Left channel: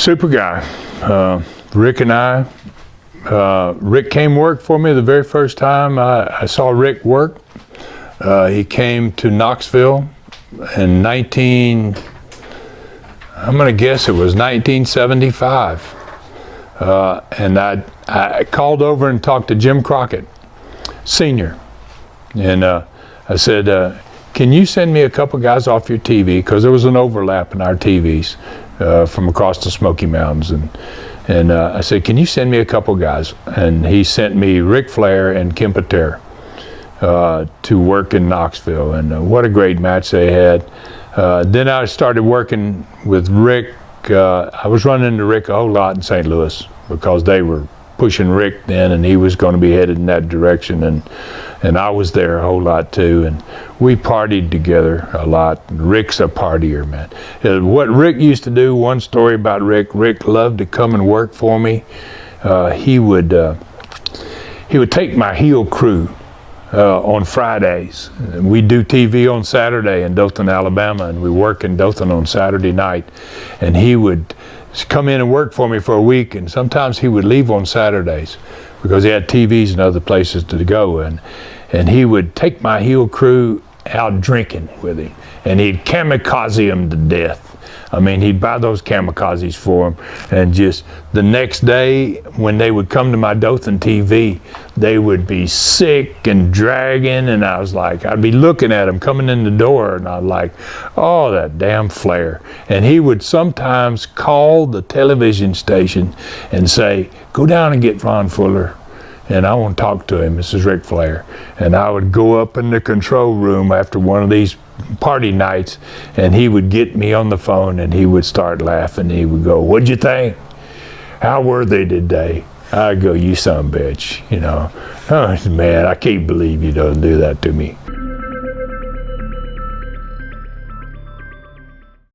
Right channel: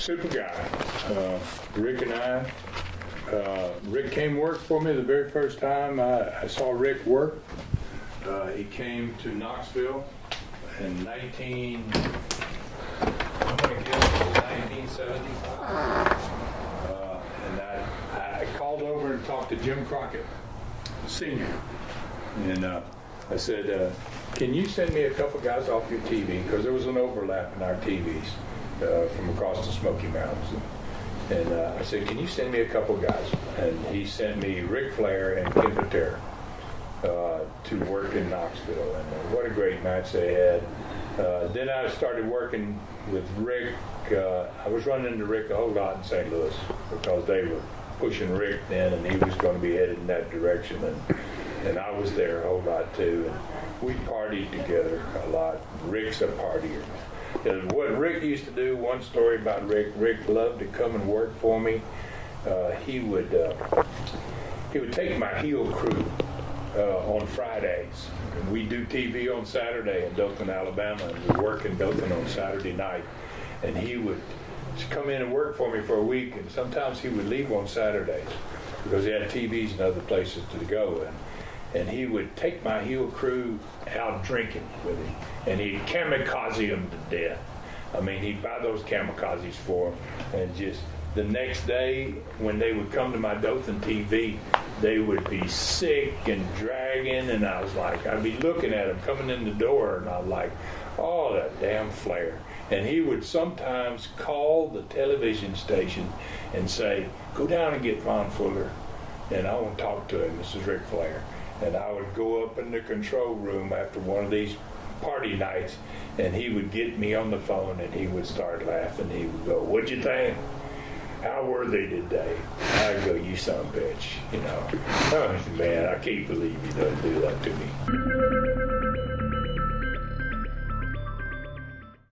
Super guy. Rick and I, Rick came work for me the very first time I saw Rick work. He came to Knoxville in I'm going to guess it was 1975. And I called over and talked to Jim Crockett, Sr. And I said, can you send me a couple guys off your TV? Because there was an overlap in our TVs from across the Smoky Mountains. And I said, can you send me a couple guys? And he sent me Ric Flair and Ken Patera to work in Knoxville. And what a great match they had. Then I started working with Rick. I was running into Rick a whole lot in St. Louis because they were pushing Rick then, and he was going to be headed in that direction. And I was there a whole lot too, and we partied together a lot. Rick's a partier, man. What Rick used to do, one story about Rick loved to come and work for me. He would take my heel crew on Fridays. And we do TV on Saturday in Dothan, Alabama, and we work in Dothan on Saturday night. And he would come in and work for me for a week, and sometimes he would leave on Saturdays because he had TVs and other places to go. And he would take my heel crew out drinking with him, and he'd kamikaze them to death. I mean, he'd buy those kamikazes for them, and just the next day when they would come to my Dothan TV, they would be sick and dragging, and I was like, I'd be looking at them coming in the door, and I'd like, oh, that damn Flair. And he would sometimes call the television station and say, go down and get Ron Fuller, and I want to talk to him. This is Ric Flair. And I would go up in the control room after one of these party nights, and he would get me on the phone, and he would start laughing. He would go, what'd you think? How were they today? I'd go, you son of a bitch, you know. Oh, man, I can't believe you don't do that to me.